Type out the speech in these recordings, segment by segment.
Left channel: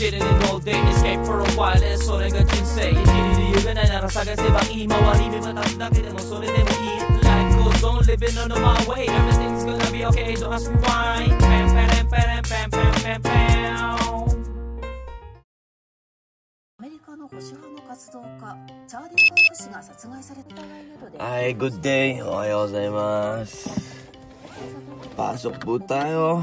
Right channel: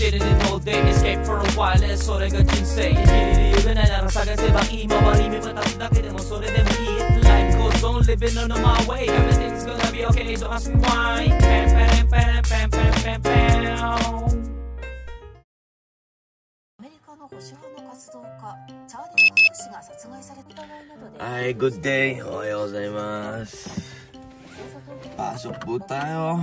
sitting in all day, escape for a while,それが人生。生きる理由がないなら探せばいい。周り見渡すだけでもそれでもいい。Life goes on, living on my way. Everything's gonna be okay, don't ask me why. Pam, pam, pam, pam, pam, pam, pam. アメリカの保守派の活動家チャーリー・パーク氏が殺害されたので。Hi, good day. Ohayo gozaimasu. Pasok po tayo.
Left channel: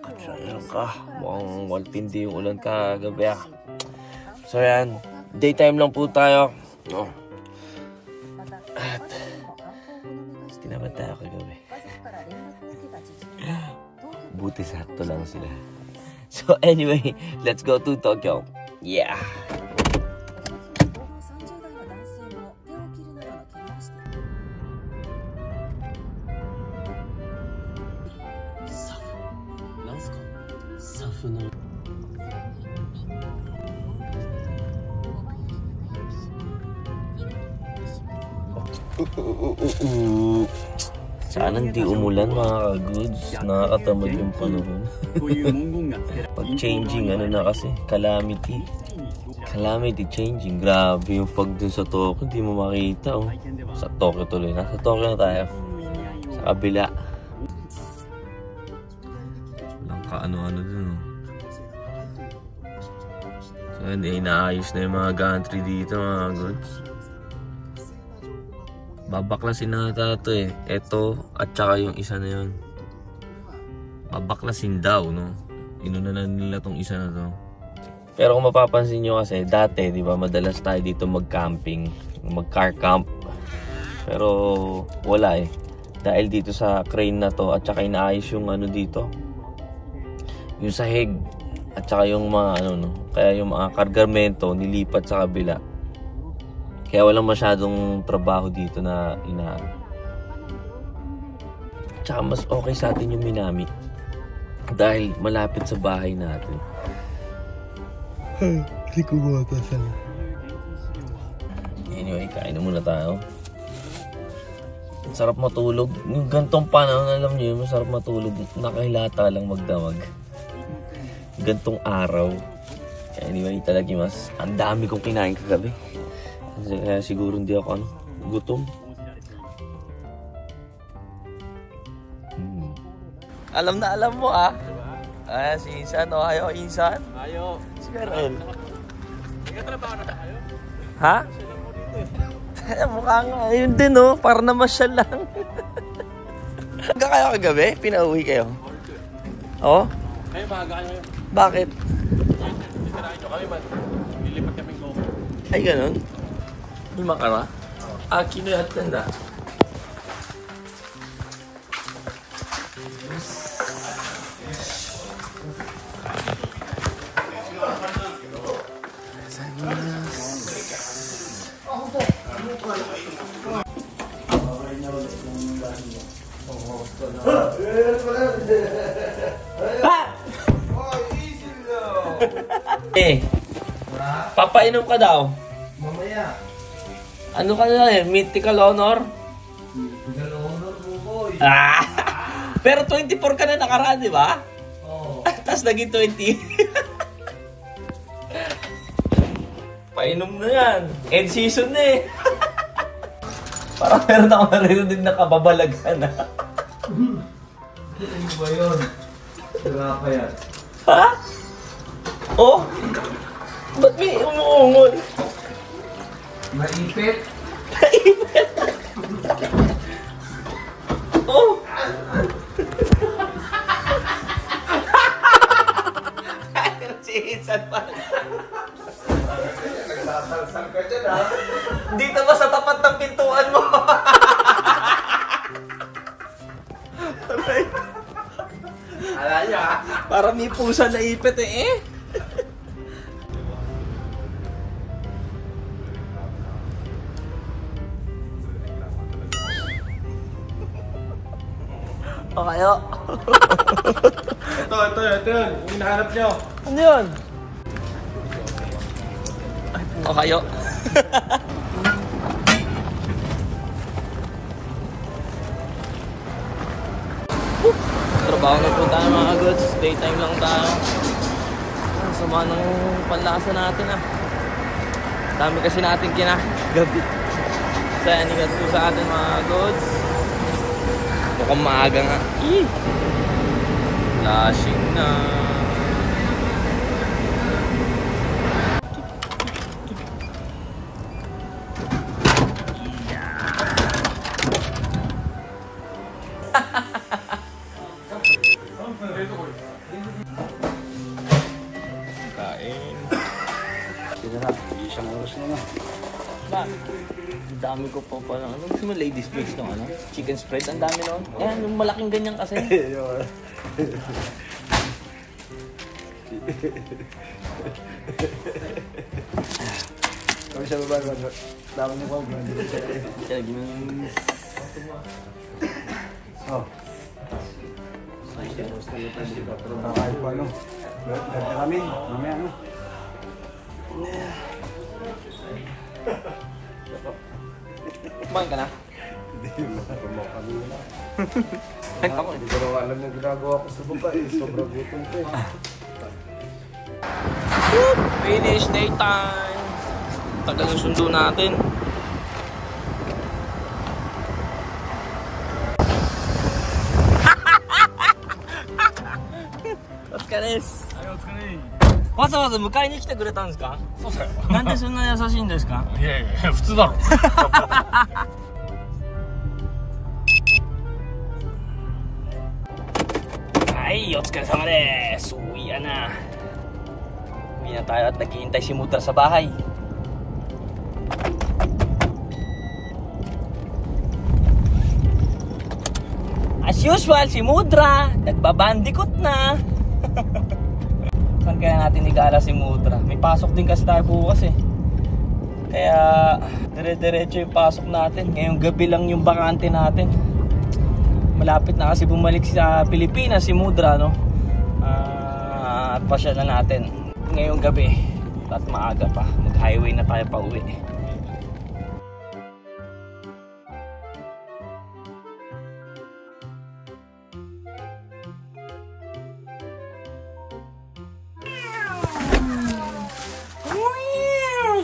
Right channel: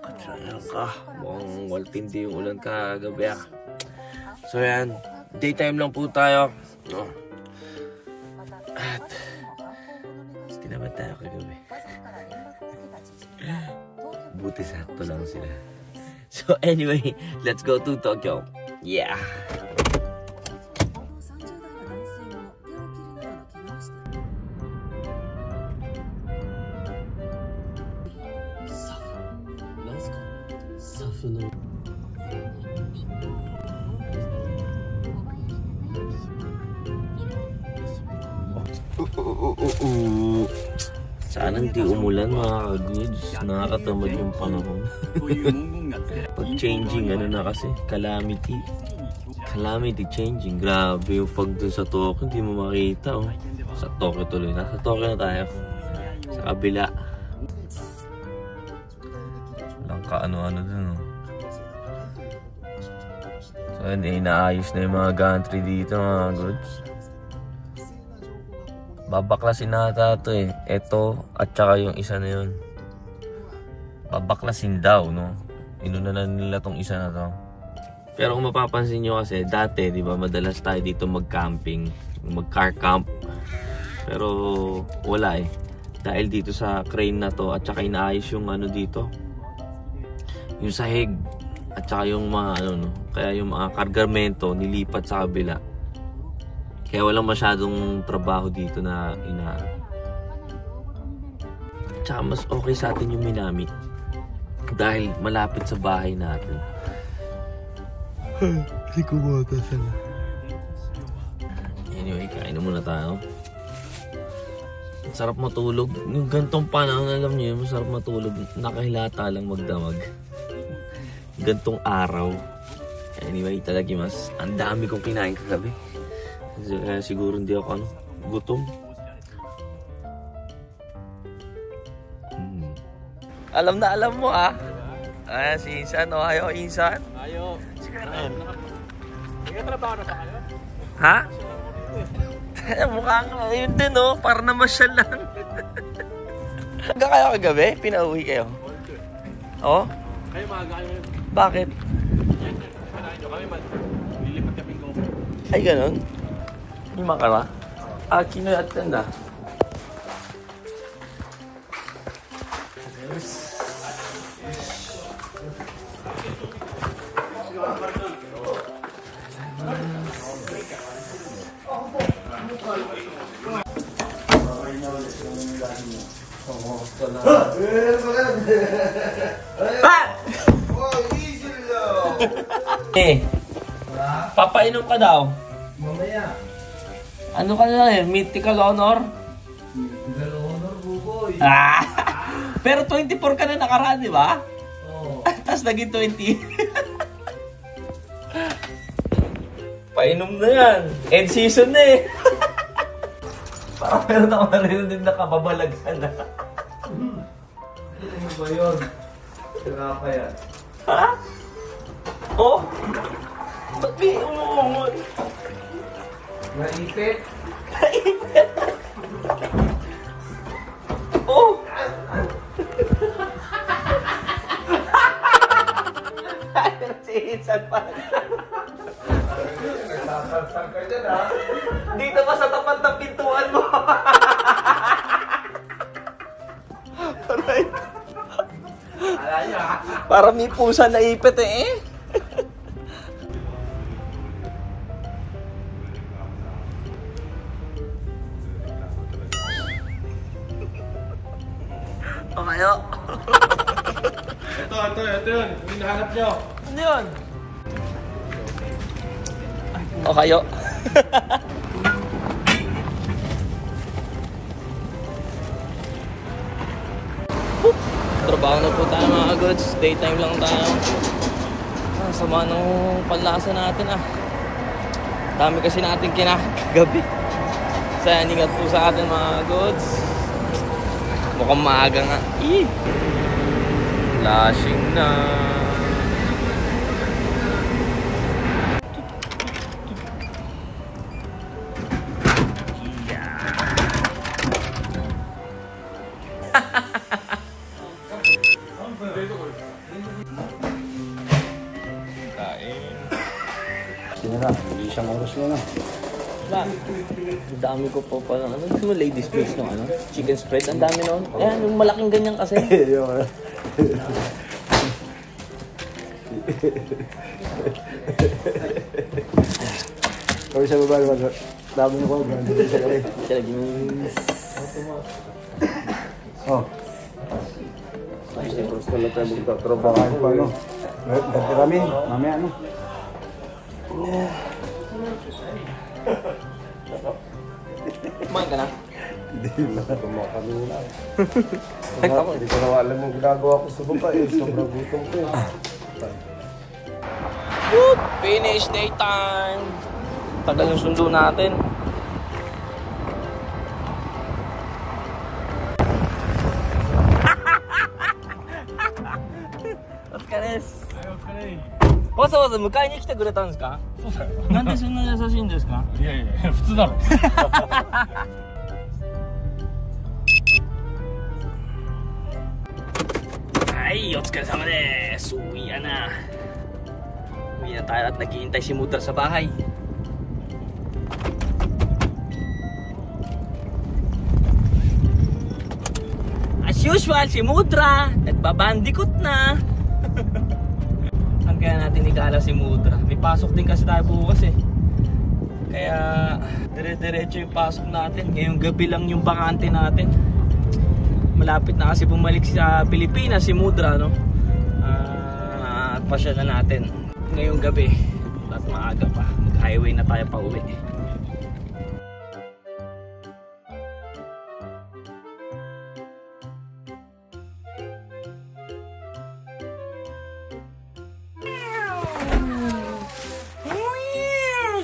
Katsaya ka. Mukhang waltindi yung ulan kagabi ah. So yan, daytime lang po tayo. At tinaman tayo kagabi. Buti sakto lang sila. So anyway, let's go to Tokyo. Yeah. Sana hindi umulan mga ka-goods. Nakakatamad yung panahon. Pag changing, ano na kasi, calamity. Calamity changing. Grabe yung fog dun sa Tokyo. Hindi mo makita oh. Sa Tokyo tuloy. Nasa Tokyo na tayo. Sa kabila. Walang kaano-ano dun oh. So hindi, inaayos na yung mga gantry dito mga goods. Babaklasin nata ito eh. Ito at saka yung isa na yun. Babaklasin daw, no? Inuna na nila tong isa na to. Pero kung mapapansin nyo kasi, dati, di ba, madalas tayo dito mag-camping. Mag-car camp. Pero wala eh. Dahil dito sa crane na to at saka inaayos yung ano dito. Yung sahig. At saka yung mga ano, no? Kaya yung mga kargamento nilipat sa kabila. Kaya walang masyadong trabaho dito na Tsaka mas okay sa atin yung Minami. Dahil malapit sa bahay natin. Kasi kumota sana. Anyway, kain na muna tayo. Sarap matulog. Yung gantong panahon, alam nyo yun, masarap matulog. Nakahilata lang magdamag. Gantong araw. Anyway, talaga mas ang dami kong kinain kagabi. Kaya siguro hindi ako gutom. Alam na alam mo ah. Ah, si Insan. Oh, ayo Insan. Ayo. Si Karen. Ha? Mukhang yun din oh. Para na masyal lang. Hanggang kayo kagabi? Pinauwi kayo? Oo? Kayo maaga kayo. Bakit? Kami man. Lilipat kami go. Ay ganun? Lima ka ba? Kino yung atanda? Papainom ka daw. Mamaya. Ano ka na eh? Mythical Honor? Mythical Honor, bukoy. Pero 24 ka na nakaraan, di ba? Oo. Tapos naging 20. Painom na yan. End season na eh. Parang meron ako narinig na kababalaghan na. Ano ba yun? Sira pa yan. Ha? Oh? Ba't may umuungol? Maipit? Naipit! Oh! Ay, si Insan pala. Sasalsal ka dyan ha? Dito ba sa tapat ng pintuan mo? Aray. Alay ha? Parang may pusa na ipit eh. O kayo? Ito yun. Yung hinahanap nyo. Ano yun? O kayo? Magtatrabaho na po tayo mga goods. Daytime lang tayo. Sama nung panlasa natin Dami kasi natin kinagabi. Kaya ingat po sa atin mga goods. Mukhang maaga nga. Lasing na. Ang dami ko pa pala. Ano gusto mo, ladies first ng chicken spread? Ang dami nun. Ayan, yung malaking ganyan kasi. Kami sa baba, dami ko. Siya lagi mo. Basta lang tayo magtatrabaho pa, no? Dati kami, mamaya, no? Kumain ka na? Hindi, matutuma kami na. Kahit ako Hindi ko na alam mo ginagawa ko sa baba, sobrang gutom ko. Finish daytime. Tagal yung sundo natin. Otsukares. わざわざ迎えに来てくれたんですか？そうだよ。なんでそんな優しいんですか？いやいや、普通だろ。はい、お疲れ様です。Uwi na. Uwi na tayo at naghihintay si Mudra sa bahay. As usual, si Mudra nagbabandikot na. Saan kaya natin ikala si Mudra? May pasok din kasi tayo bukas eh. Kaya dire-diretso yung pasok natin. Ngayong gabi lang yung bakante natin. Malapit na kasi bumalik sa Pilipinas si Mudra, no? At pasya na natin ngayong gabi. At maaga pa. Mag-highway na tayo pa uwi.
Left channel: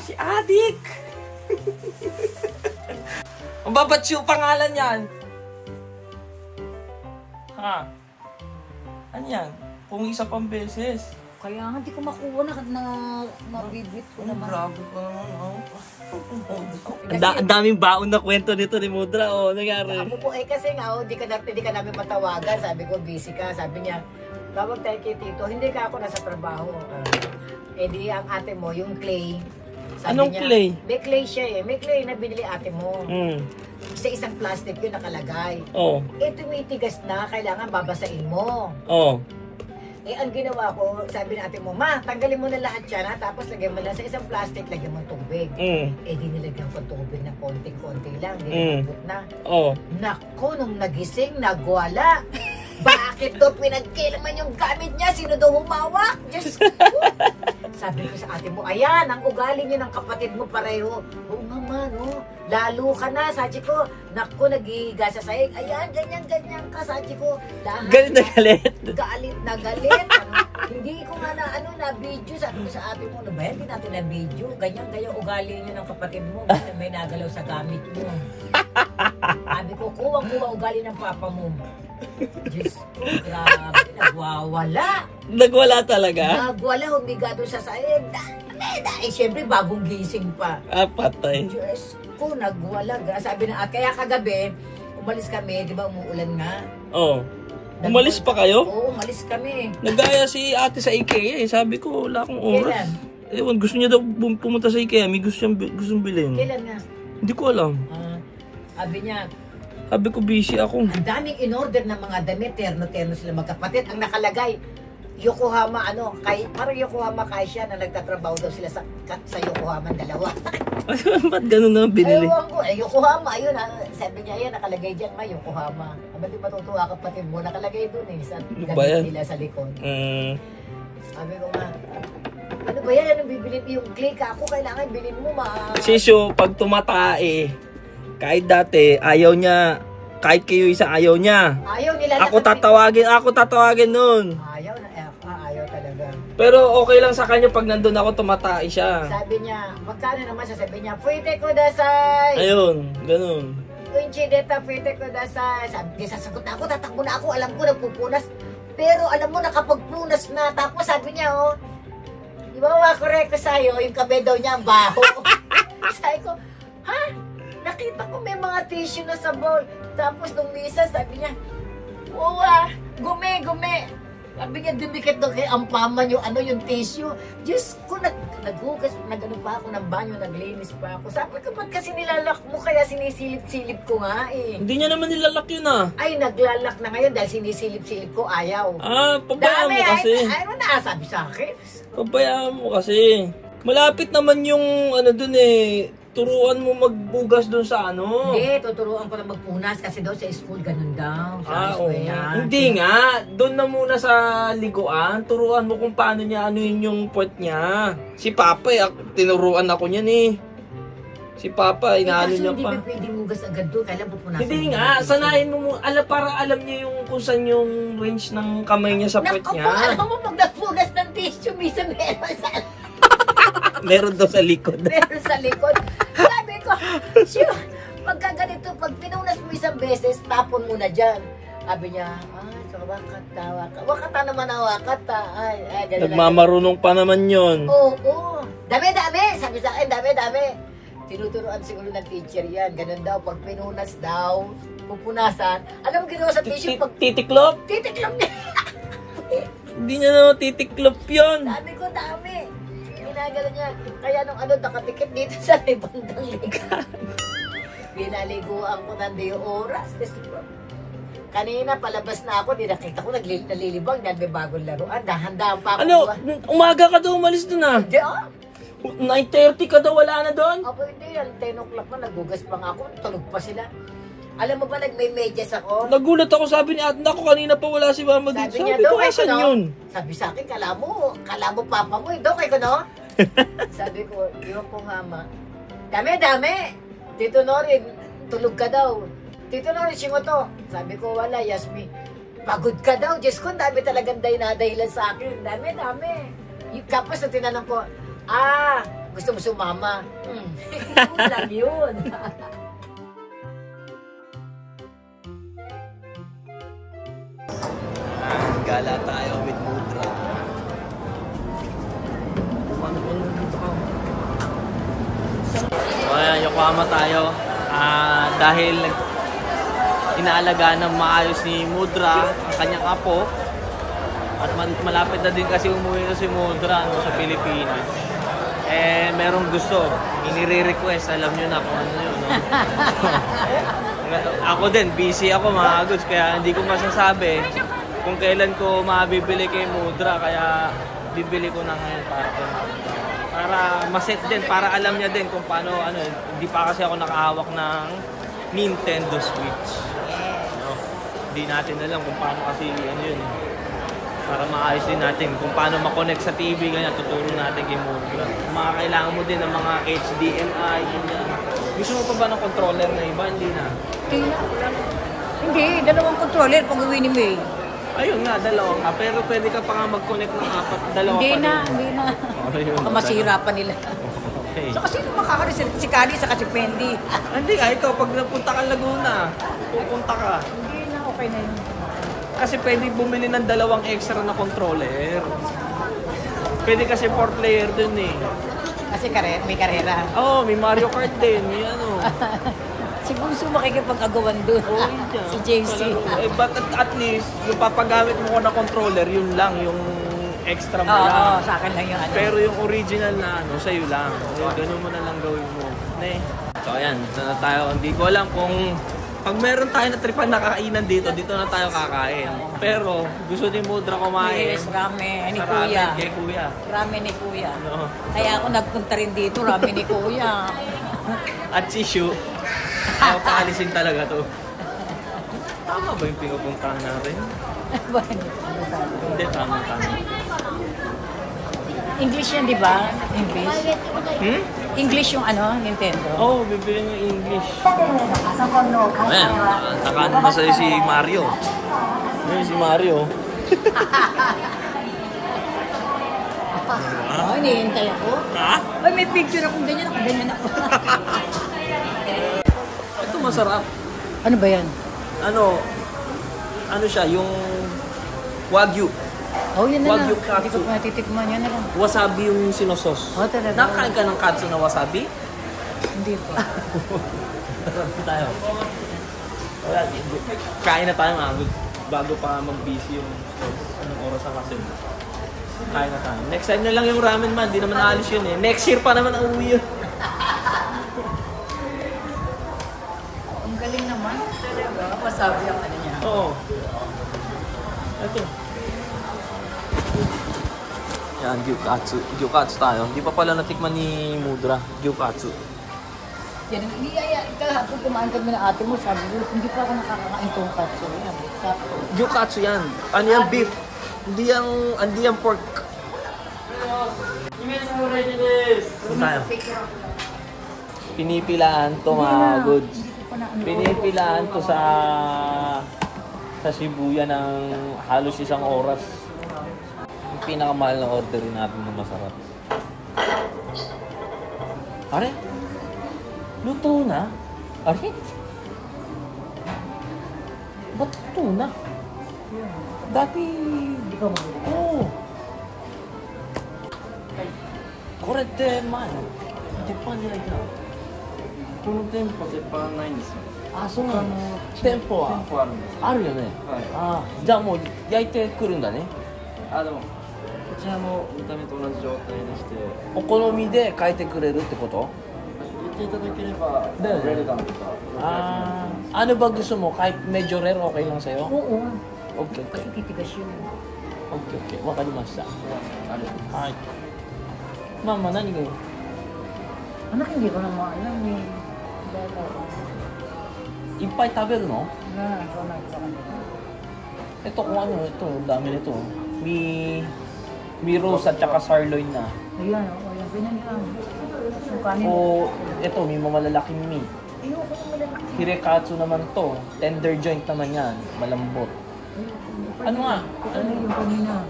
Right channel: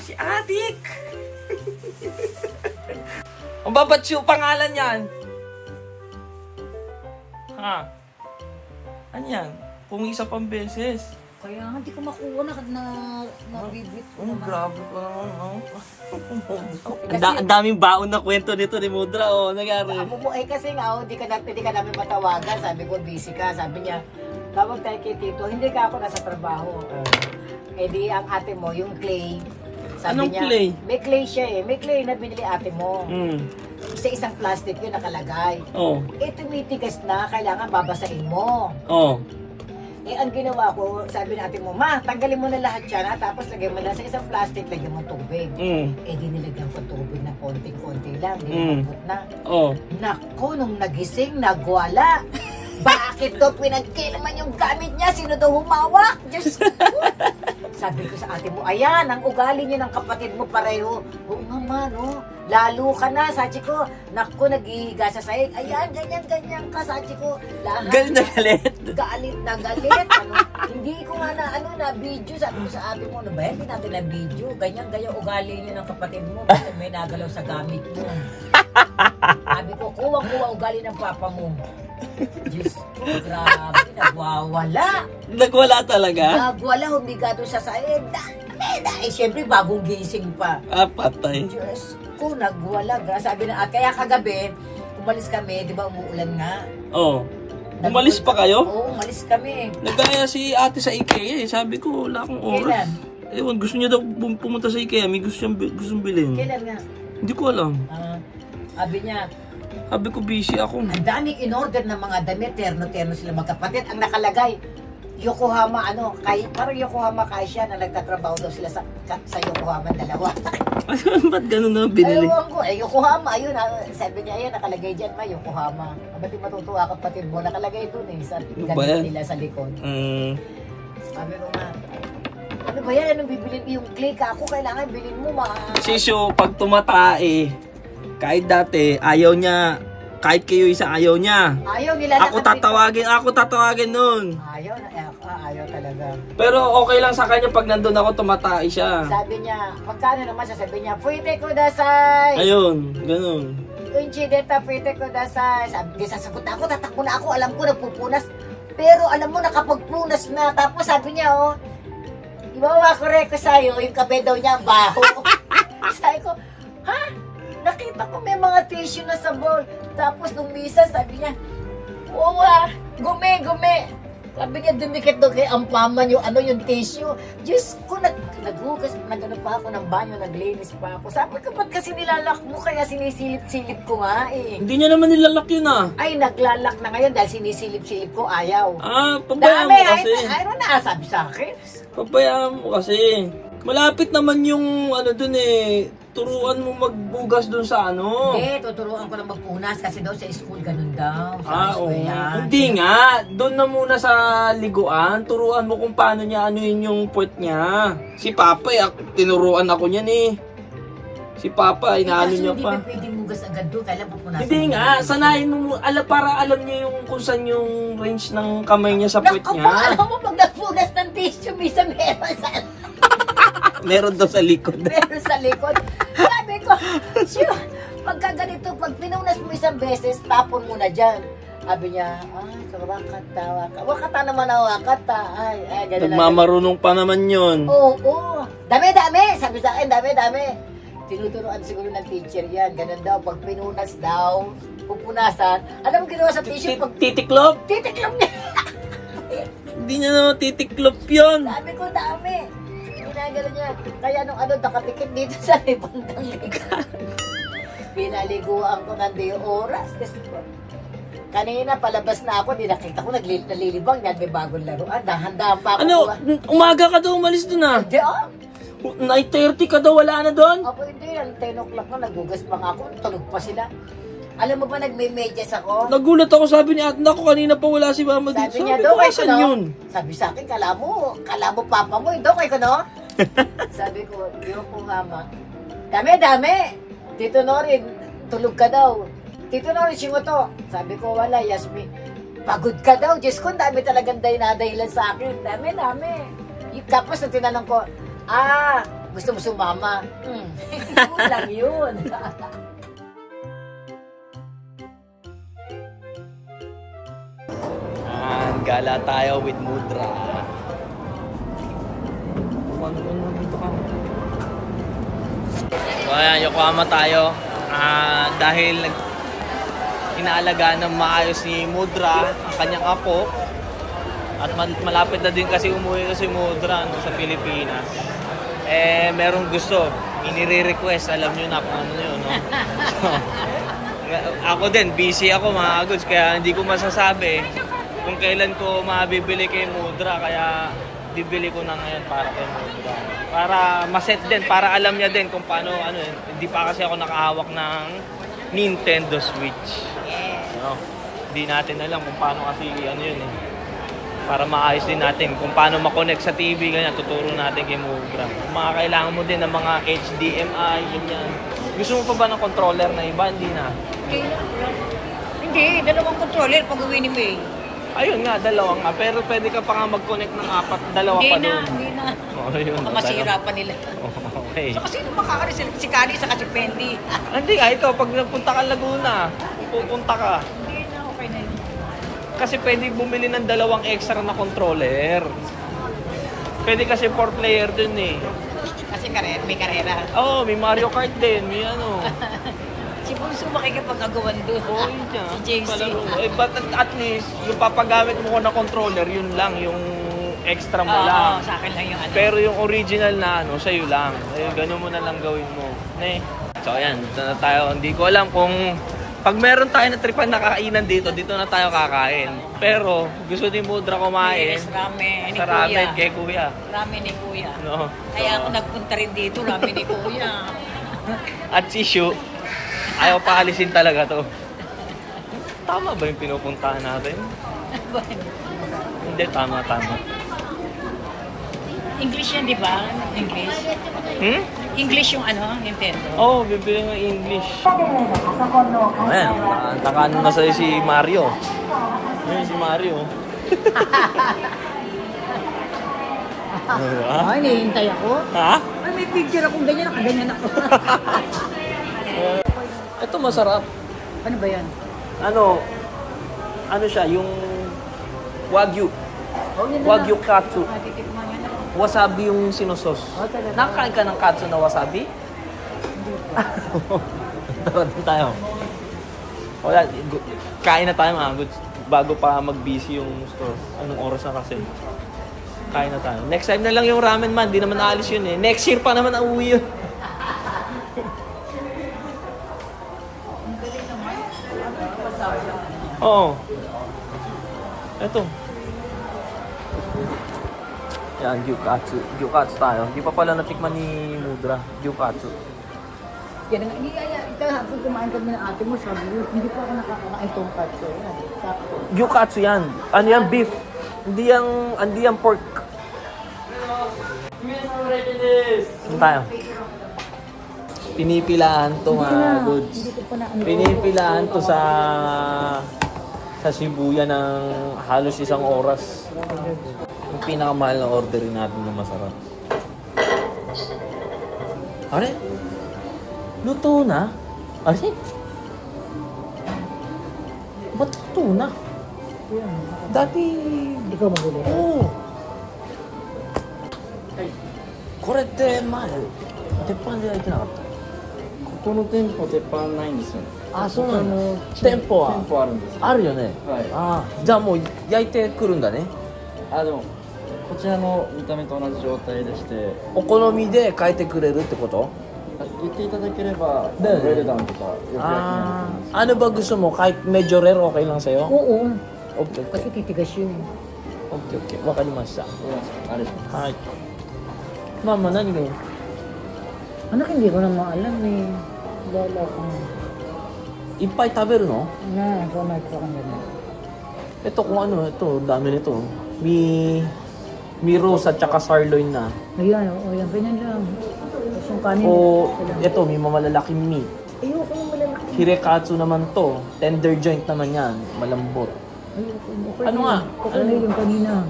Si Adik! Ang babat yung pangalan yan? Ha? Ano yan? Pumisa pang beses. Kaya nga, hindi ko makuha na mabibit ko naman. Grabe ko naman, oh. Ang daming baon na kwento nito ni Mudra, oh. Nangyari. Ako po, kasi nga, hindi ka namin matawagan. Sabi ko, busy ka. Sabi niya, tawag tayo kay Tito. Hindi ka ako nasa trabaho. Eh di, ang ate mo, yung clay. Sabi Anong niya, clay? May clay siya eh. May clay na binili ate mo. Sa isang plastic yun nakalagay. Oh. Eh, tumitigas na. Kailangan babasain mo. Oh. Eh, ang ginawa ko, sabi ng ate mo, ma, tanggalin mo na lahat yan, ha? Tapos lagyan mo lang sa isang plastic, lagyan mo tubig. Eh, di nilagyan ko tubig na konting-konti lang. Nilagyan na. Oh. Naku, nung nagising, nagwala. Bakit daw pinagkilaman yung gamit niya? Sino daw humawak? Diyos ko. Sabi ko sa ate mo, ayan, ang ugali niya ng kapatid mo pareho. Oo nga ma, no? Lalo ka na, sabi ko. Naku, nag-ihiga sa sahig. Ayan, ganyan-ganyan ka, sabi ko. Lahat. Galit na galit. Galit na galit. Hindi ko nga na video. Sabi ko sa ate mo, ano ba, hindi natin na video. Ganyan-ganyan ugali niya ng kapatid mo. Kasi may nagalaw sa gamit mo. Sabi ko, kuwang-kuwang ugali ng papa mo. Diyos ko, grabe, nagwawala. Nagwala talaga? Nagwala, humiga doon sa sahig. Eh, siyempre, bagong gising pa. Patay. Diyos ko, nagwala. Sabi na, kaya kagabi, umalis kami, di ba umuulan nga? Oo. Umalis pa kayo? Oo, umalis kami. Nagaya si ate sa IKEA eh. Sabi ko, wala akong oras. Kailan? Ewan, gusto niya daw pumunta sa IKEA. May gustong bilhin. Kailan nga? Hindi ko alam. Sabi niya, sabi ko, busy ako. ang daming in-order ng mga damit, terno-terno sila magkapatid. Ang nakalagay, Yokohama, parang Yokohama Kaisha na nagtatrabaho daw sila sa Yokohama dalawa. Ba't ganun na binili? Ewan ko, Yokohama, ayun, sabi niya, ayan, nakalagay dyan ba, Yokohama. Ba't di matutuwa kapatid mo? Nakalagay dun eh, sa gamit nila sa likod. Sabi ko nga, ano ba yan? Anong bibilin? Yung click ako, kailangan bilhin mo, Sisyo, pag tumatae, kahit dati, ayaw niya kahit kayo isa ayaw niya. Ayaw nila. Ako tatawagin nun. Ayaw na, ayaw talaga. Pero okay lang sa kanya pag nandun ako tumatay siya. Sabi niya, magkano naman siya? Sabi niya, pwede ko dasay. Ayun, ganun. Kunchi deta, pwede ko dasay. Sabi niya, sasagot ako, tatakbo na ako, alam ko napupunas. Pero alam mo, nakapagpunas na. Tapos sabi niya, oh, di ba makorek ko sa'yo, yung kape daw niya ang baho. Sabi ko, ha? Nakita ko may mga tissue na sa bowl. Tapos nung misa, sabi niya, wow, gume. Sabi niya, dumikit doon kay ampaman yung tissue. Diyos ko, naghugas, nagano pa ako ng banyo, naglinis pa ako. Sabi ko, ba't kasi nilalak mo? Kaya sinisilip-silip ko nga eh. Hindi niya naman nilalak yun ah. Ay, naglalak na ngayon dahil sinisilip-silip ko, ayaw. Ah, pabayaan mo kasi. Ay, na, sabi sa akin. Pabayaan mo kasi. Malapit naman yung ano dun eh. Turuan mo magbugas dun sa ano. Hindi, tuturuan ko na magpunas kasi daw sa school ganun daw. Oo. Hindi nga. Doon na muna sa liguan. Turuan mo kung paano niya anuin yung puwet niya. Si Papa tinuruan ako niyan eh. Si Papa, inaano niya pa. Hindi ba pwede mugas agad doon? Kailan pupunasan? Hindi nga. Sanayin mo para alam niya yung kung saan yung range ng kamay niya sa puwet niya. Alam mo, pag nagpunas ng tissue, minsan meron sa... Meron daw sa likod. Meron sa likod. Sabi ko, siya, pagka ganito, pag pinunas mo isang beses, tapon mo na dyan. Sabi niya, so wakata naman ang wakata. Ay, ganun. Nagmamarunong pa naman yun. Oo. Dami. Sabi sa akin, dami. Tinuturuan siguro ng teacher yan. Ganun daw, pag pinunas daw, pupunasan. Alam mo ginawa sa tissue? Titiklop? Titiklop niya. Hindi na naman titiklop yun. Sabi ko, dami. Ginagala niya. Kaya nung nakatikip dito sa bandang liga. Pinaliguan ko ng 2 oras. Kanina, palabas na ako. Di nakita ko, nalilibang. May bagong laruan. Dahan-dahan pa ako. Ano? Umaga ka daw umalis dun ah? Hindi 9:30 ka daw, wala na doon? Ako hindi. 10 o'clock na, nagugas pa nga ako. Tulog pa sila. Alam mo ba, nagme-medyas ako? Nagulat ako, sabi ni Ate, naku, kanina pa wala si Mama dito. Sabi niya, ko, asan yun? Sabi sa akin, kala mo papa mo, kay ko, no? Sabi ko, yun po, Mama. Dami. Tito Norin, tulog ka daw. Tito Norin, sino to? Sabi ko, wala, Yasmin. Pagod ka daw. Diyos ko, dami talagang dahilan sa akin. Dami. Kapos na tinanong ko, gusto mo sumama? Kulang yun. Gala tayo with Mudra. Ano dito ka? So ayan, Yokohama tayo. Dahil inaalagaan ng maayos ni Mudra ang kanyang apo. At malapit na din kasi umuwi na si Mudra sa Pilipinas. Merong gusto. Inire-request. Alam nyo na kung ano yun, no? So, ako din, busy ako mga goods. Kaya hindi ko masasabi kung kailan ko mabibili kay Mudra, kaya bibili ko na ngayon para kay Mudra. Para maset din, para alam niya din kung paano, hindi pa kasi ako nakahawak ng Nintendo Switch. No? Hindi natin alam kung paano kasi yun eh. Para maayos din natin kung paano makonect sa TV, ganyan, tuturo natin kay Mudra. Kailangan mo din ng mga HDMI, ganyan. Gusto mo pa ba ng controller na iba? Hindi na. Hindi, 2 controller pag uwi ni May. Ayun nga, 2 nga. Pero pwede ka pa nga mag-connect ng 2 pa doon. Hindi na. Ayun, masihirapan nila. Okay. So, kasi makakaroon si Kari sa si Pendi. Hindi nga, ito, pag napunta ka Laguna, pupunta ka. Hindi na, okay na yun. Kasi pwede bumili ng 2 extra na controller. Pwede kasi 4 player dun eh. Kasi may karera. Oo, may Mario Kart din, may ano. Si Bunso makikipag-agawan doon. Oo, Si JC. But at least, yung papagamit mo ko na controller, yun lang, yung extra mo lang. Oo, sa akin lang yung Pero yung original na sa'yo lang. Ganun mo na lang gawin mo. So ayan, dito na tayo. Hindi ko alam kung pag meron tayo na tripan na kakainan dito na tayo kakain. Pero gusto ni Mudra kumain. Yes, ramen ni sa Kuya. ramen kay Kuya. Ramen ni Kuya. No. Kaya ako nagpunta rin dito, ramen ni Kuya. At si Shu, ayaw paalisin talaga to. Tama ba yung pinupuntahan natin? Hindi, tama. English yan, di ba? English. English yung ano, Nintendo. Oo, bibili ng English. Ayan, nakaano na sa'yo si Mario. Yun si Mario. Ay, nihintay ako. Ha? Ay, may picture akong ganyan, nakaganyan ako. Ito masarap. Ano ba yan? Ano siya, yung Wagyu. Oh, yan Wagyu na. katsu. Hindi ko natitikman yan na lang. Wasabi yung sinusos. Oh, talaga? Nakakain ka ng katsu na wasabi? Hindi pa. Tara tayo. Wala, kain na tayo mga goods. Bago pa mag-busy yung store. Anong oras na kasi? Kain na tayo. Next time na lang yung ramen man. Di naman aalis yun eh. Next year pa naman uuwi yun. Ang galing naman. Masabi ang ano niya. Oo. Ito. Yan, gyukatsu. Gyukatsu tayo. Hindi pa pala natikman ni Mudra. Gyukatsu. Yan ang iniyaya. Kung kumain kami ng ate mo, sabi ko, hindi pa ako nakakakain tonkatsu. Yan, sakto. Gyukatsu yan. Ano yan? Beef. Hindi yan pork. Saan tayo? Pinipilaan to mga goods. Pinipilaan to sa Shibuya ng halos 1 oras. Yung pinakamahal na orderin natin na masarap. Are? Luto na? Are? Ba't luto na? Dati... Hindi ko mabili. Oo. これって前鉄板で焼いてなかった？この店舗鉄板ないんですよ。あ、そうなの。店舗は店舗あるんです。あるよね。はい。ああ、じゃあもう焼いてくるんだね。あ、でもこちらの見た目と同じ状態でして、お好みで変えてくれるってこと？言っていただければだよねウェルダンとかよくやってます。 Ano ba gusto mo? Kahit medyo rare, okay lang sa'yo? Oo. Okay, Kasi okay. titigas yun. Okay, okay. Wakarimashita. あれです。はい。Mama, nani ga yun? Anak, hindi ko naman alam eh. Lala ko. いっぱい食べるの? So nagsakanila. Ito kung ano, ito, dami nito. Mi roast at saka sirloin na. Ayan, ayan, ganyan lang. Yung kanin. O, ito, may mamalalaking meat. Ayoko yung malalaki. Hirekatsu naman to. Tender joint naman yan. Malambot. Ano nga? Ano yung kanina?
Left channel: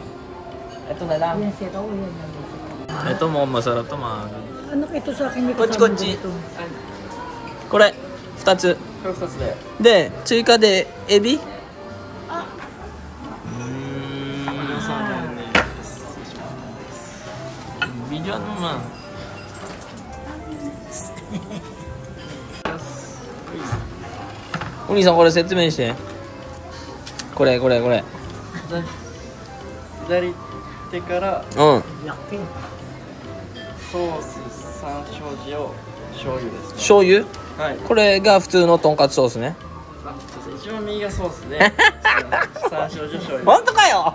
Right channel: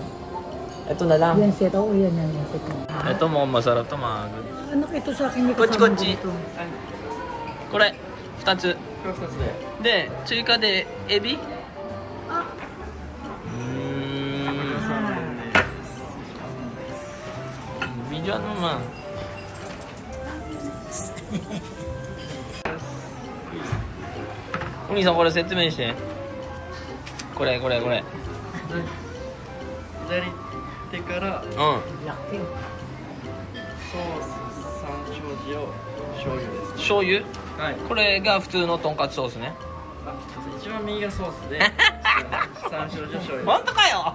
Ito na lang. Yan, set. Oo, yan, yan. Set. Ito mukhang masarap to mga. Anak, ito sa akin. Kochi, kochi. これ2つこれ2つで。で追加でエビビジュアルなお兄さんこれ説明してこれ左手からうんLaki. ソース、山椒塩、醤油ですね。醤油はい。これが普通のとんかつソースね一番右がソースで、山椒塩、醤油。本当かよ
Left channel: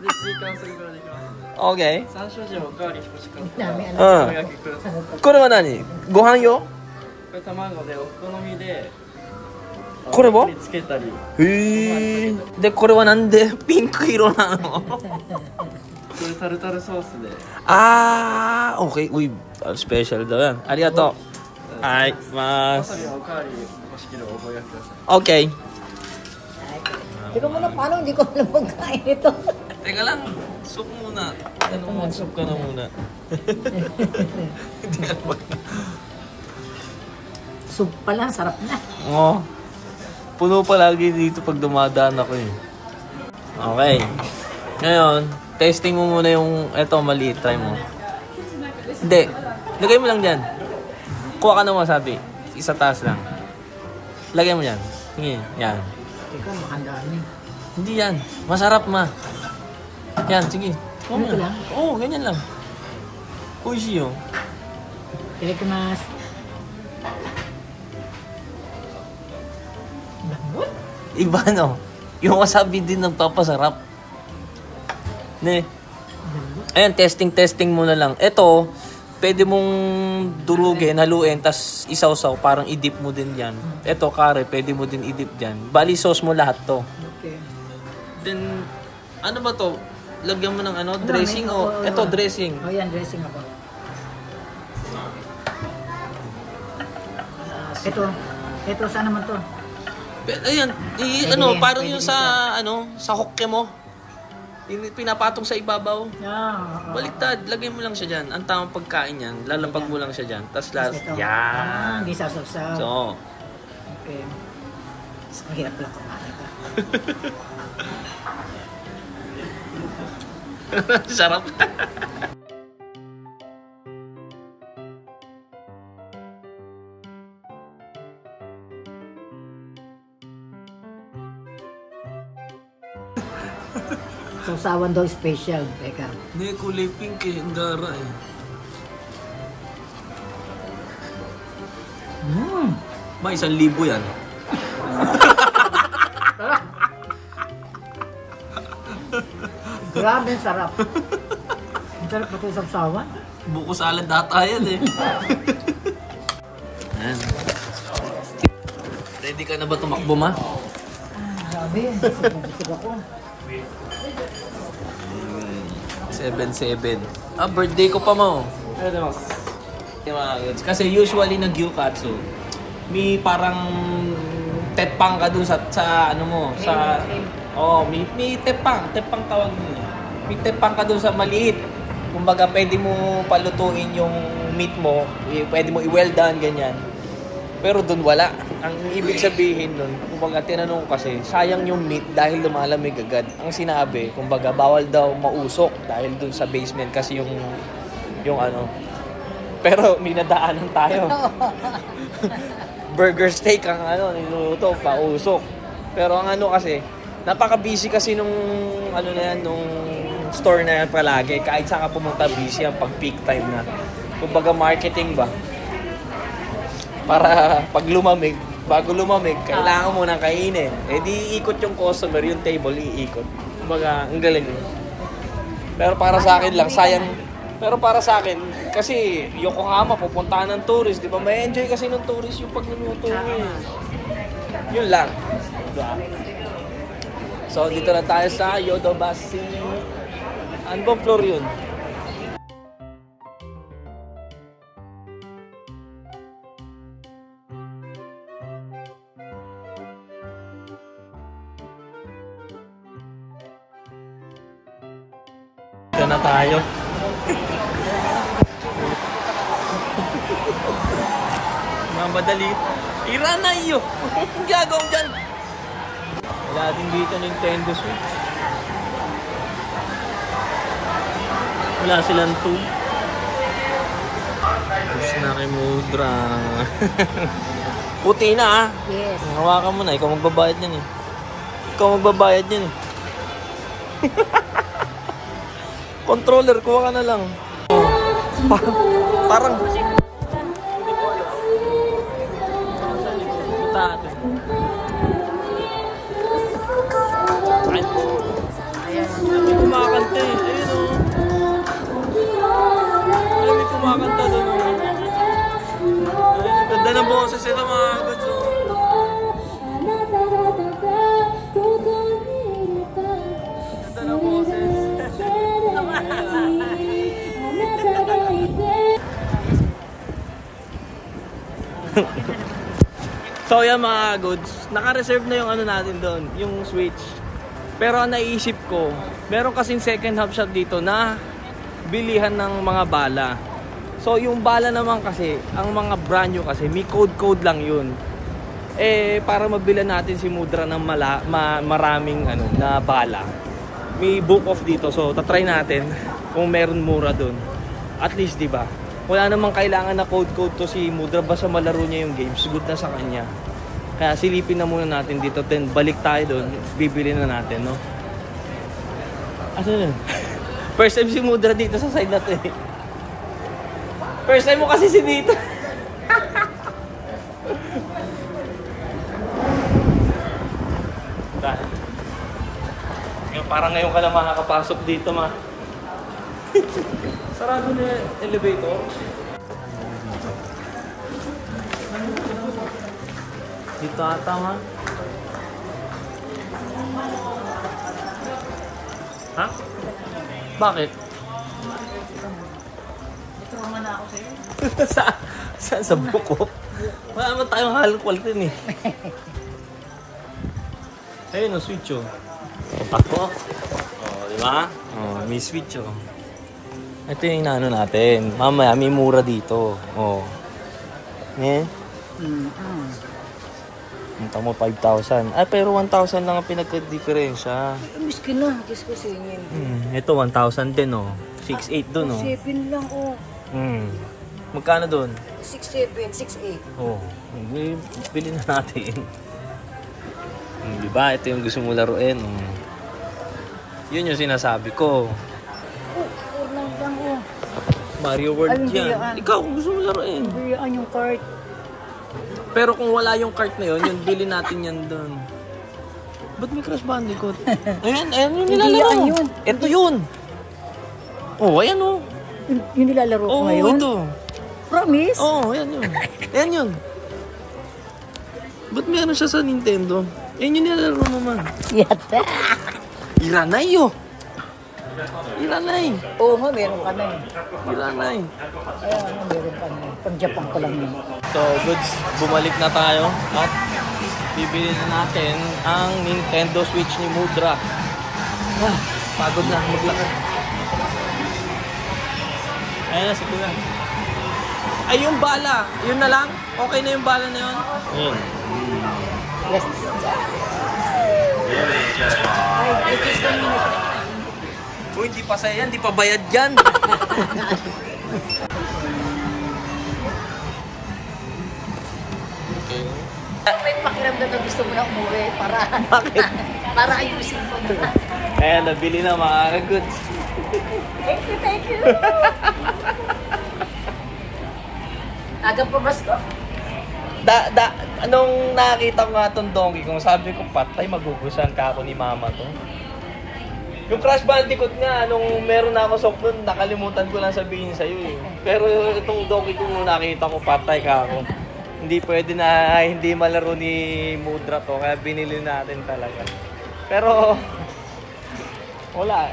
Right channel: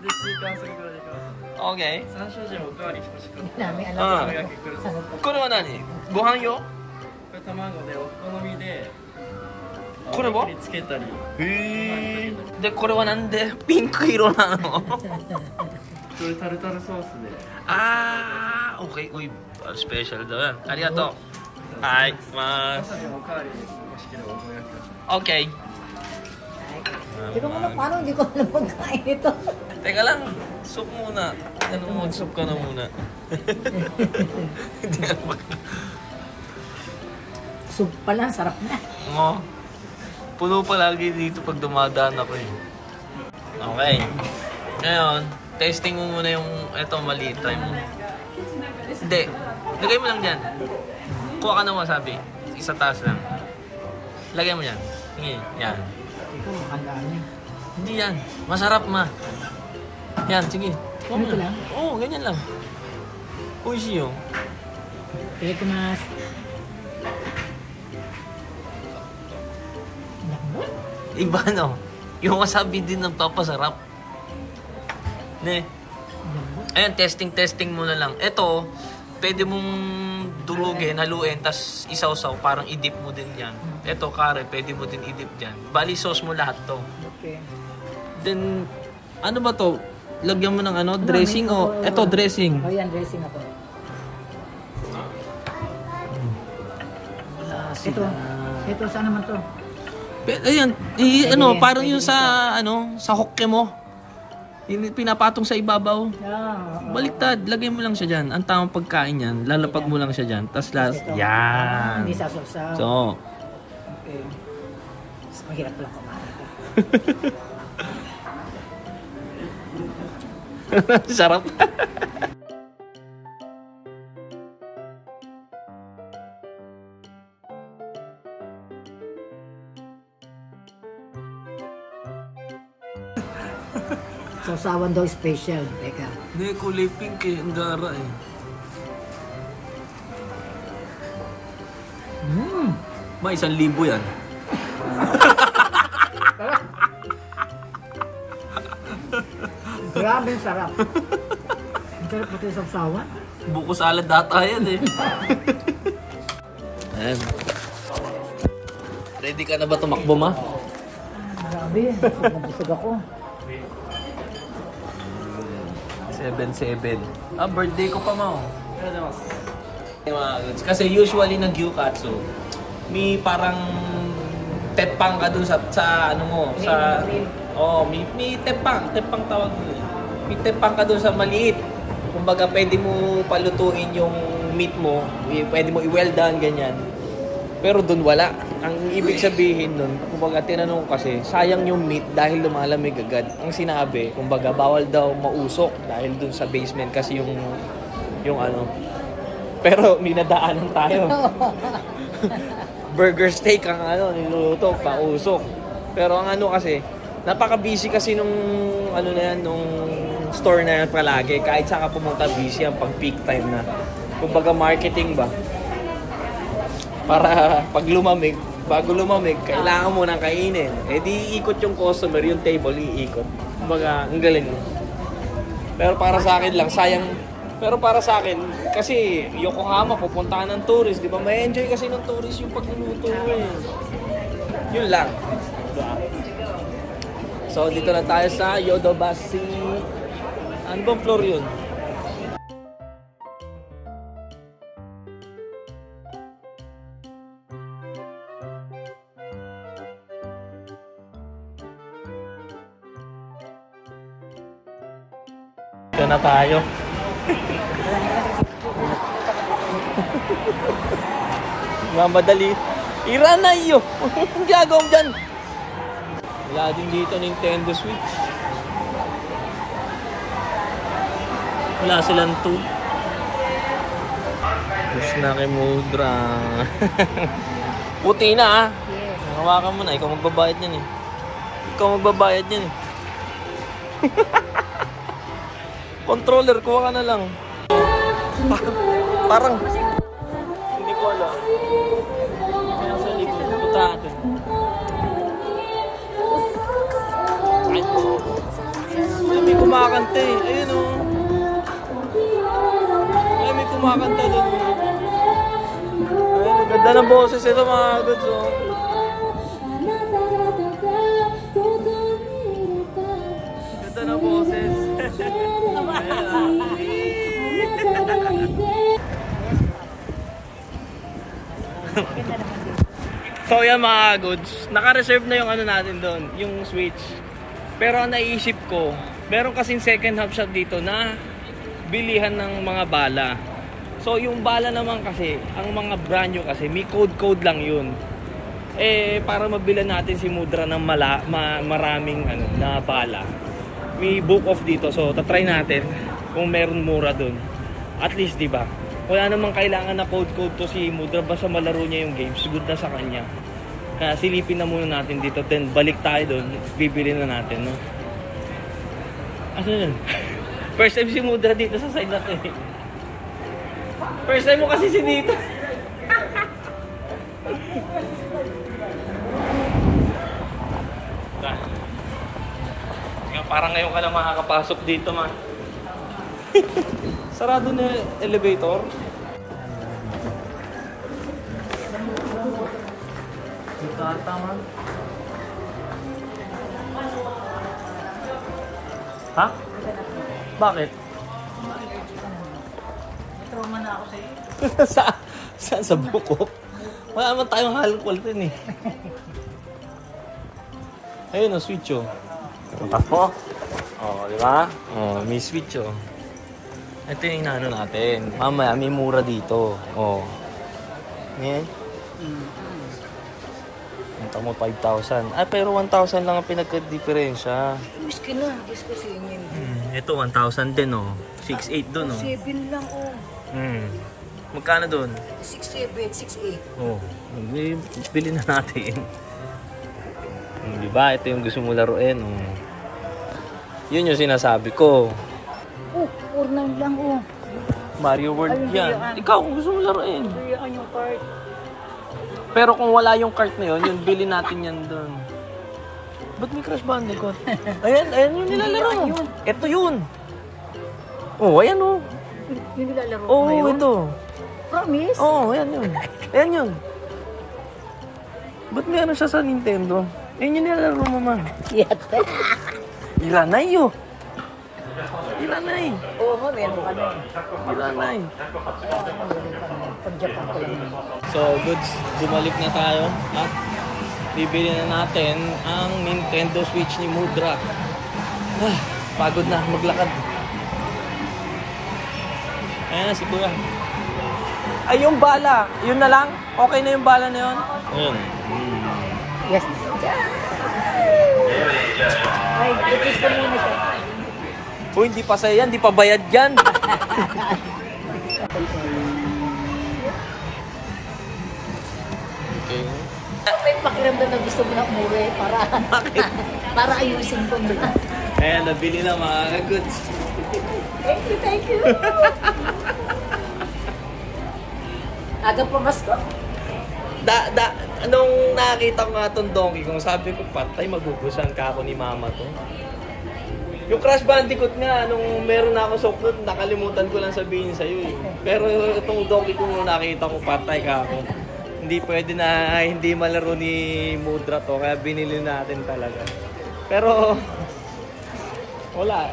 で、追加はそれからできます。オッケ山椒塩おかわり欲しかっ Dami, た。 anak. ーうんそれが結構です。ここれは何ご飯用れ卵でお好みで、これはにつけたり、へえでこれはなんでピンク色なのそれタルタルソースで。 Ah, okay. Uy, special daw yan. Arigato. Ay, わ mas. さびもおかわり欲しければおご予約ください。 Okay. Teka muna, paano hindi ko alam magkain ito? Teka lang. Soup muna. Ano mo, soup ka na muna. Soup pa lang, sarap na. Oo. Puno palagi dito pag dumadaan ako eh. Okay. Ngayon, testing mo muna yung eto maliit. Try mo. Hindi. Lagay mo lang dyan. Kuha ka ng wasabi. Isa taas lang. Lagay mo dyan. Sige. Yan. Ikaw, makandaan eh. Hindi yan. Masarap ma. Yan, sige. Kuha mo Ganito lang. lang? Oo, ganyan lang. Oishii yo. Itadakimasu. Lambot? Iba no. Yung wasabi din nagpapasarap. Ne. Ayan, testing mo na lang. Ito, pwede mong durugin, haluin, tas isawsaw, parang idip mo din yan. Ito, kare, pwede mo din idip dyan. Bali, sauce mo lahat to. Okay. Then, ano ba to? Lagyan mo ng ano? Dressing o? Ito, dressing. O yan, dressing ako. Ito saan naman to? Ayan, parang yung sa hokke mo. Yung pinapatong sa ibabaw. Baliktad, lagay mo lang siya dyan. Ang tamang pagkain yan, lalapag mo lang siya dyan. Tapos yan. Hindi sasaw-saw. So, Okay. Ang hirap lang kumain ka. sarap. Sausawan daw special. Teka. Hindi, kulay pink eh. Ang gara eh. Ma, 1,000 yan. Grabe, sarap. Ang sarap pati sa sausawan. Buko salad data yan eh. Ayan. Ready ka na ba tumakbo, ma? Grabe, busog ako. 7-7. Birthday ko pa mo. Kasi usually nag-gyukatsu, may parang tepang ka dun sa ano mo, sa may tepang tawag dun eh. May tepang ka dun sa maliit. Kumbaga pwede mo palutuin yung meat mo, pwede mo i-well done ganyan. Pero dun wala. Ang ibig sabihin nun, kumbaga tinanong kasi, sayang yung meat dahil lumalamig agad. Ang sinabi, kumbaga bawal daw mausok dahil dun sa basement kasi yung ano. Pero ninadaanan tayo. Burger steak ang niluto, pausok. Pero ang kasi, napaka-busy kasi nung nung store na yan palagi. Kahit saan ka pumunta, busy ang pag peak time na. Kumbaga marketing ba? Para pag lumamig, bago lumamig, kailangan mo nang kainin. Di iikot yung customer, yung table, iikot. Kumbaga, ang galing yun. Pero para sa akin lang, sayang. Pero para sa akin, kasi Yokohama, pupuntahan ng tourist, di ba? May enjoy kasi ng tourist yung pagluluto mo eh. Yun lang. Diba? So, dito na tayo sa Yodobashi. Ano bang floor yun? Dito na tayo. Mamadali. Ira na iyo. Ang gagawin dyan. Wala din dito Nintendo Switch. Wala silang 2. Push na kay Mudra. Puti na ah. Yes. Hawakan mo na. Ikaw magbabayad yan eh. Ikaw magbabayad yan eh. Controller, kuha ka na lang. Parang hindi ko alam. Kaya sa likod, punta natin. Ay, may kumakanta eh. Ayun o. Ay, may kumakanta doon o. Ay, ganda ng boses ito mga goods o. Ganda ng boses. So yan mga goods, naka-reserve na yung natin doon, yung Switch. Pero ang naisip ko, meron kasing second hand shop dito na bilihan ng mga bala. So yung bala naman kasi, ang mga brand new kasi, may code lang yun. Para mabilan natin si Mudra ng maraming na bala, may book off dito. So tatry natin kung meron mura doon. At least diba, wala namang kailangan na code to si Mudra, basta malaro niya yung games, good na sa kanya. Kaya silipin na muna natin dito, then balik tayo doon, bibili na natin, no? Ano yun? First time si Mudra dito sa side natin. First time mo kasi si dito. Parang ngayon ka lang makakapasok dito, ma. Sarado na elevator. Dito ata, ma. Ha? Bakit? Ito man ako sa'yo. Saan sa buko? Wala naman tayong halong quality eh. Ayun, switch oh. Ang tapo. Oh, di ba? Oh, may switch oh. Ito yung inaano natin. Mamaya, may mura dito. Oh. Eh? Punta mo 5,000. Ah, pero 1,000 lang ang pinagka-diferensya. Miskin na, gusto ko sa inyo. Ito 1,000 din oh. 6,800 dun oh. 7 lang oh. Magkano dun? 6,7, 6,8. Oh, bili na natin. Diba? Ito yung gusto mo laruin. Yun yung sinasabi ko. Oh, Fortnite lang oh. Mario World yan. Ikaw kung gusto mo laruin. Buyaan yung cart. Pero kung wala yung cart na yun, bili natin yan doon. Ba't may Crash Bandicoot? Ayan yung nilalaro. Ito yun. Oh, ayan oh. Yung nilalaro ko Oh, ngayon? ito. Promise? Oh, ayan yun. Ayan yun. Ba't may ano siya sa Nintendo? Ayan yung nilalaro mo, ma. Yata. Iranay oh. Iranay. Oo nga, meron ka na Iranay. Pag Japan ko lang yun. So, goods, bumalik na tayo at bibili na natin ang Nintendo Switch ni Mudra. Ah, pagod na maglakad. Ayan na si Kuya. Ay, yung bala. Yun na lang? Okay na yung bala na yun? Ayun. Yes. Uy, hindi pa sa'yo yan. Hindi pa bayad yan. Okay. May pakiramdam na gusto mo na umuwi para Bakit? para ayusin ko na. Ayan, nabili na mga goods. Thank you. Aga po Pasko. Anong nakita ko nga itong Donkey Kong, sabi ko, patay, magugusan ka ako ni mama to. Yung Crash Bandicoot nga, nung meron na ako soft nun, nakalimutan ko lang sabihin sa'yo eh. Pero itong Donkey Kong nung nakita ko, patay ka ako. Hindi pwede na hindi malaro ni Mudra to, kaya binili natin talaga. Pero, wala.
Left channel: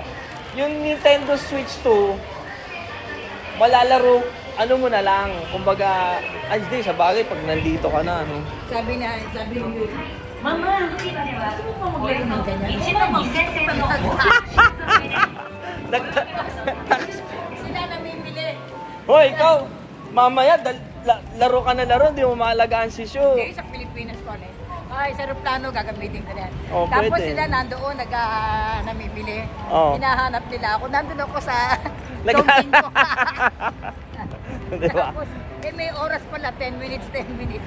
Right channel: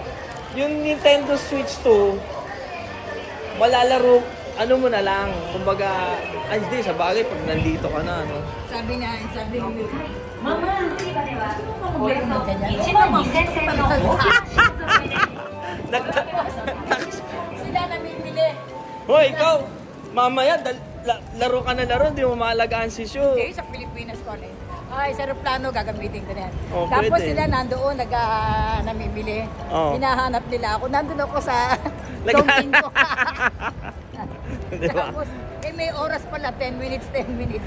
Yung Nintendo Switch 2, malalaro, ano mo na lang, kumbaga, ay di, sa bagay, pag nandito ka na, ano. Sabi ni Mama, gusto mo pa maglaro ng ganyan? Hindi naman, gusto ko talaga. Sila namin bili. Hoy, ikaw, mamaya, laro ka na laro, hindi mo maalagaan si Shu. Okay, sa Pilipinas ko na ay, sa aeroplano gagamitin ko na. Oh, tapos pwede. sila nandoon, namimili. Oh. Hinahanap nila ako. Nandun ako sa Nag- dumping ko. Diba? Tapos, may oras pala, 10 minutes.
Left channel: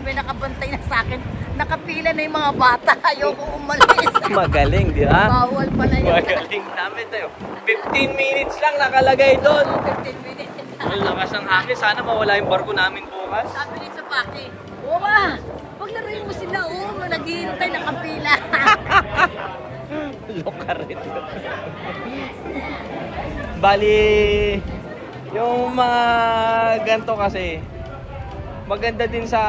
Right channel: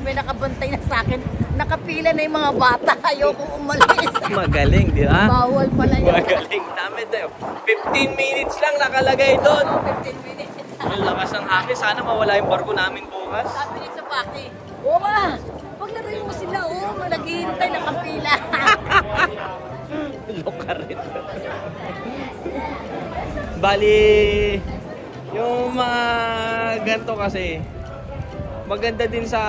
May nakabantay na sa akin. Nakapila na yung mga bata. Ayoko umalis. Magaling, di ba? Bawal pala yun. Magaling namin tayo. 15 minutes lang nakalagay doon. 15 minutes. Ang lakas ng hangin. Sana mawala yung barko namin bukas. Sabi nito sa Paki, ma, paglaruin mo sila, naghihintay, nakapila. Lokarit. Bali, yung mga ganito kasi, maganda din sa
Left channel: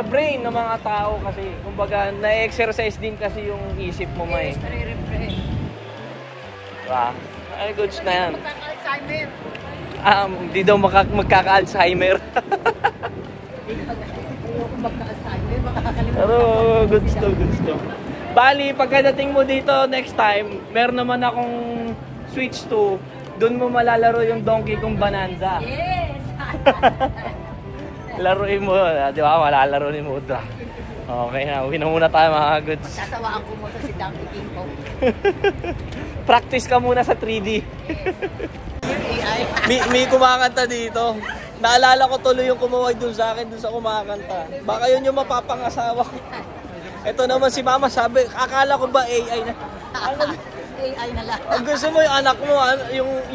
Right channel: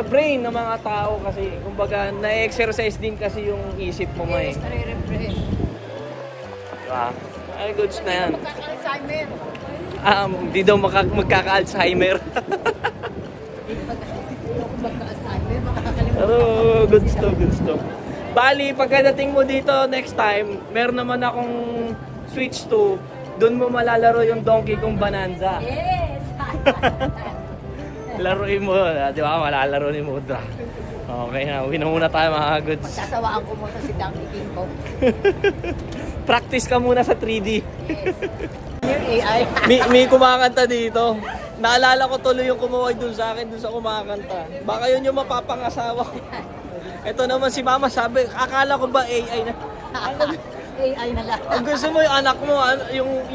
brain ng mga tao kasi, kumbaga, na-exercise din kasi yung isip mo, may. Yes, nare-refresh. Diba? Ay, goods na yan. Magkaka-Alzheimer. Di daw magkaka-Alzheimer. Ayoko magka-Alzheimer, makakalimutan. Pero, goods to. Bali, pagkadating mo dito next time, meron naman akong Switch 2. Doon mo malalaro yung Donkey Kong Bonanza. Yes! Laruin mo, di ba? Malalaro ni Mudra. Okay na, uwi na muna tayo mga goods. Magsasawaan ko muna si Donkey King ko. Practice ka muna sa 3D. AI. May kumakanta dito. Naalala ko tuloy yung kumawag dun sa akin dun sa kumakanta. Baka yun yung mapapangasawa ko. Ito naman si mama sabi, akala ko ba AI na? AI na lang. Ang gusto mo yung anak mo,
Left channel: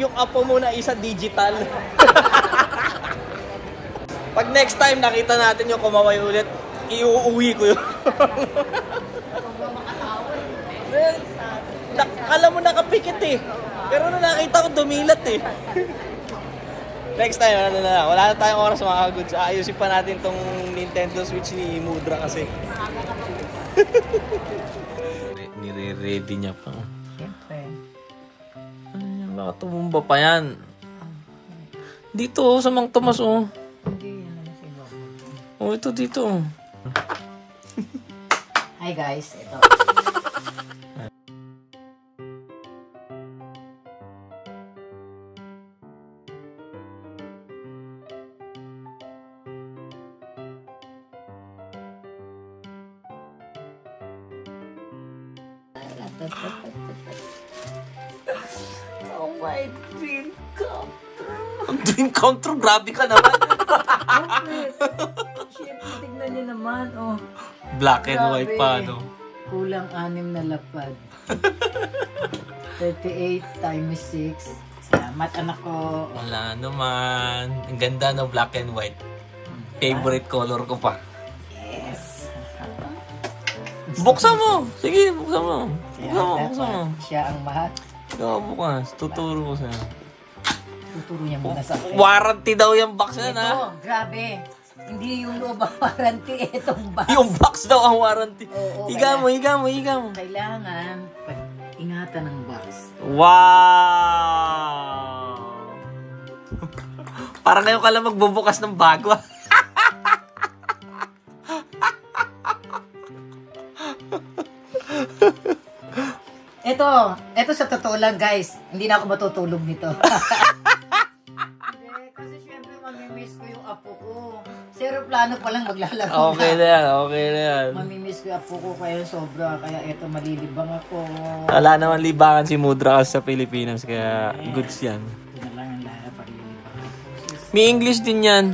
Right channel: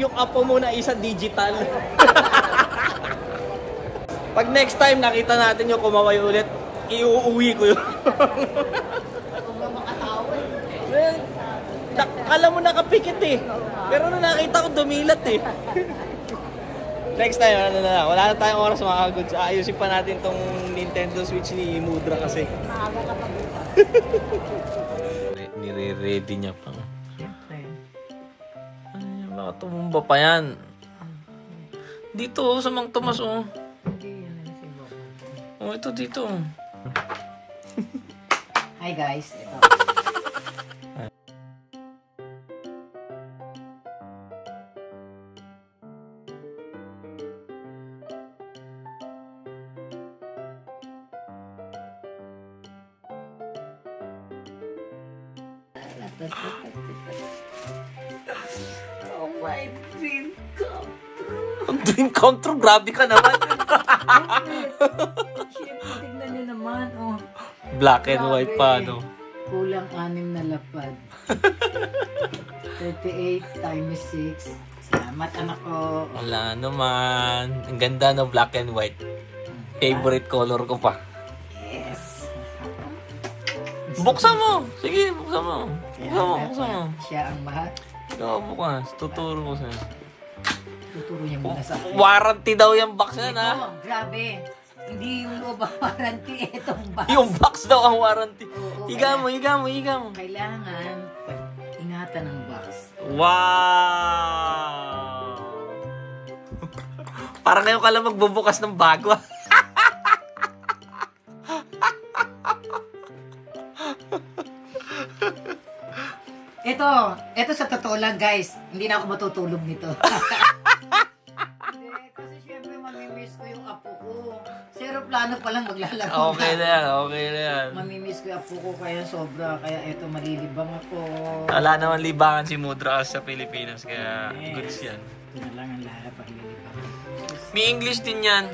yung apo mo na isa digital. Pag next time nakita natin yung kumaway ulit, iuuwi ko yun. Kala mo nakapikit eh. Pero nung nakita ko dumilat eh. Next time, wala na tayong oras mga goods. Ayusin pa natin tong Nintendo Switch ni Mudra kasi. Nire-ready niya pa. Baka tumumba pa yan. Dito sa Mang Tomas oh. Oh, ito dito. Hi guys, ito. Oh my dream come true. Ang dream come true, grabe ka naman. Siyempre, tignan niyo naman, oh. Black and white pa, no? Kulang 6 na lapad. 38 times 6. Salamat, anak ko. Wala naman. Ang ganda no, black and white. Favorite color ko pa. Yes. Buksan mo! Sige, buksan mo. Buksan mo. Siya ang mahal. Oo, bukas. Tuturo ko sa'yo. Tuturo niya muna sa akin. Warranty daw yung box yan, ha? Ito, grabe. Hindi yung loob ang warranty, itong box. Yung box daw ang warranty. Oo, Higa mo, higa mo, higa mo. Kailangan ingatan ng box. Wow! Parang ngayon ka lang magbubukas ng bago. Ito sa totoo lang guys, hindi na ako matutulog nito. Hindi, kasi syempre mamimiss ko yung apo ko. Sa aeroplano pa lang maglalaro. Okay na yan, okay na yan. Mamimiss ko yung apo ko kaya sobra, kaya eto malilibang ako. Wala naman libangan si Mudra sa Pilipinas, kaya goods yan. Ito na lang ang lala pag lilibang ako. May English din yan.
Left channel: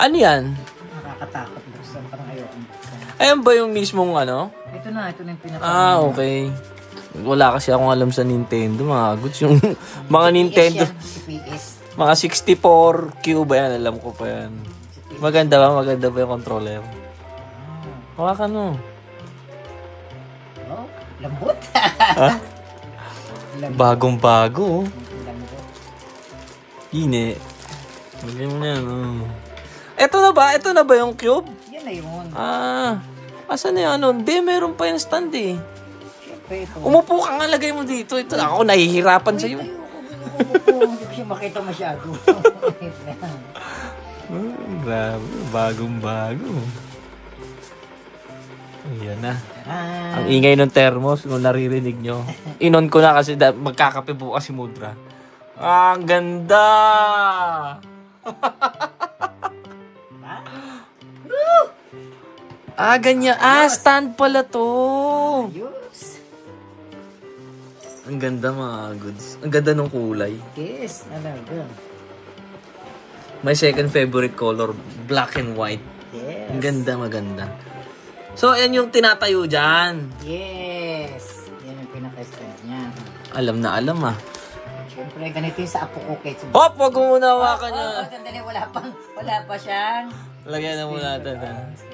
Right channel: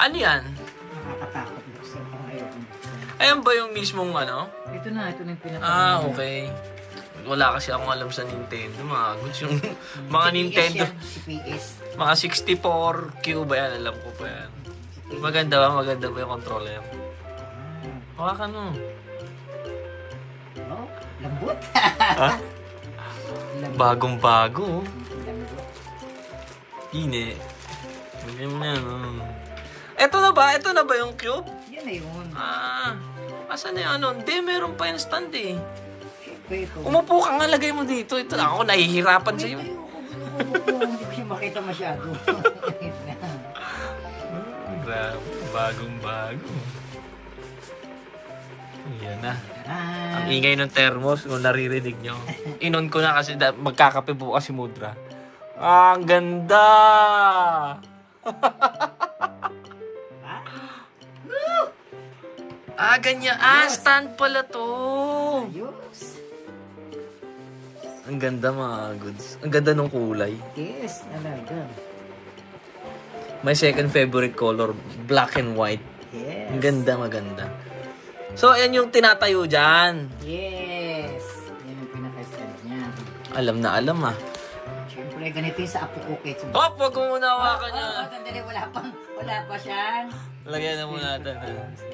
Ano yan? Nakakatakot buksan, parang ayokong buksan. Ayan ba yung mismong ano? Ito na yung pinaka. Okay. Wala kasi akong alam sa Nintendo, mga goods yung mga Nintendo. Si PS. Mga 64 cube yan, alam ko pa yan. Maganda ba yung controller? Hawakan mo. Oh, lambot. Ha? Bagong-bago. Lambot. Hine. Bagay mo na yan. Ito na ba yung cube? Yan na yun. Asan na yung ano? Hindi, meron pa yung stand eh. Siyempre ito. Umupo ka nga, lagay mo dito. Ito, ako nahihirapan sa'yo. Hindi ko siya makita masyado. Grabe, bagong-bago. Ayan na. Ang ingay ng thermos, kung naririnig nyo. Inon ko na kasi magkakape bukas si Mudra. Ang ganda! Ganyan. Stand pala to. Ayos. Ang ganda mga goods. Ang ganda ng kulay. Yes, talaga. My second favorite color, black and white. Yes. Ang ganda, maganda. So, ayan yung tinatayo dyan. Yes. Yan yung pinaka-stand niya. Alam na alam ah. Siyempre, ganito yung sa apo ko, Kate. Hop! Wag mo muna hawakan niya. Sandali, wala pa siyang. Lagyan na muna natin.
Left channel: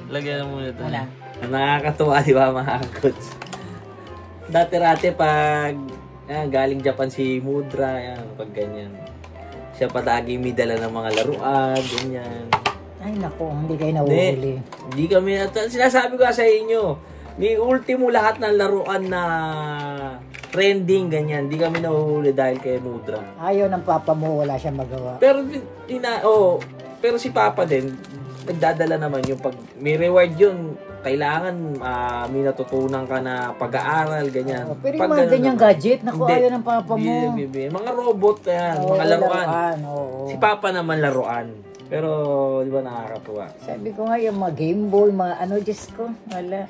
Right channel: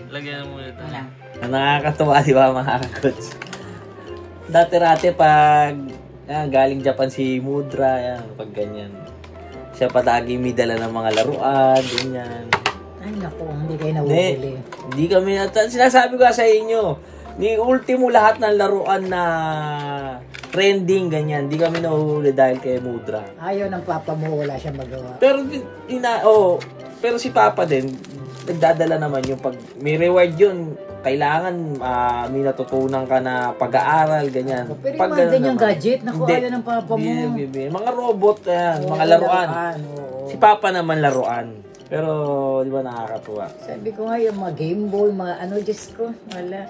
Lagyan na muna natin. Wala. Nakakatuwa, di ba mga goods? Dati-rati pag galing Japan si Mudra, yan, pag ganyan. Siya patagi may dala ng mga laruan, ganyan. Ay, naku, hindi kayo nauuli. Hindi kami, sinasabi ko sa inyo, ni ultimo lahat ng laruan na trending, ganyan. Hindi kami nahuhuli dahil kay Mudra. Ayaw ng papa mo, wala siyang magawa. Pero, pero si Papa din, nagdadala naman yung pag may reward yun, kailangan may natutunan ka na pag-aaral, ganyan. Pero yung mga ganyang gadget, naku, ayaw ng papa mo. Mga robot, yan, mga laruan. Si Papa naman laruan. Pero, di ba nakakatuwa? Sabi ko nga, yung mga Game Boy, mga Diyos ko, wala.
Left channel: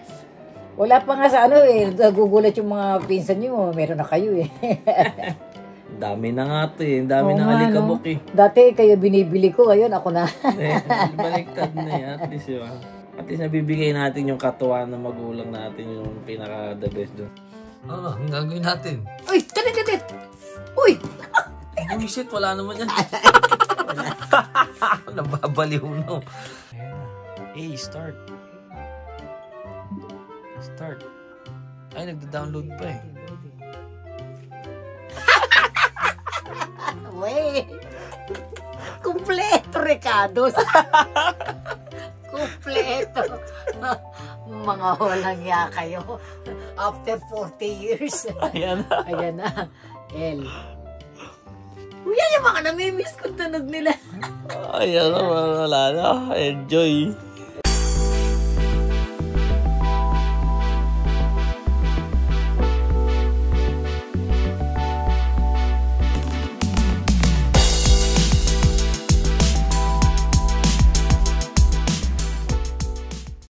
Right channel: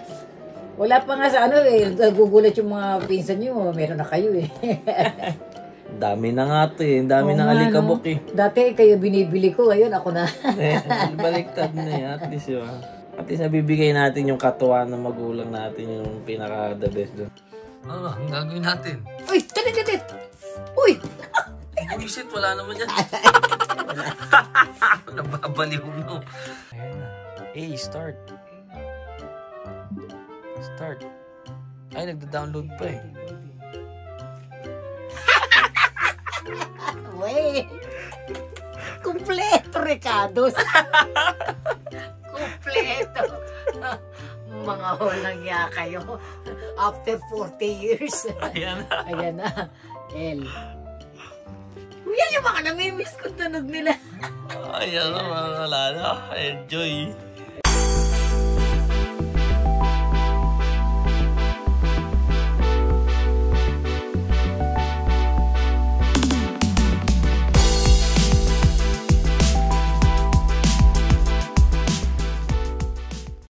Wala pa nga sa nagugulat yung mga pinsan nyo, meron na kayo eh. Dami na nga ito eh, dami na alikabok eh. Dati kayo binibili ko, ayun ako na. Baliktad na eh, at least yun. At least nabibigay natin yung katuwa ng magulang natin, yung pinaka-the best doon. Ang gagawin natin? Uy, talit! Uy! Bumisit, wala naman yan. Nababaliw mo. Ayan na. Hey, start. Start. Ay, nagda-download pa eh. Wait! Kompleto, Ricardo! Kompleto! Mga walang ya kayo. After 40 years. Ayan na. Ayan na. L. Yan yung mga namimiss kong tunog nila. Ay, ano, wala na. Enjoy.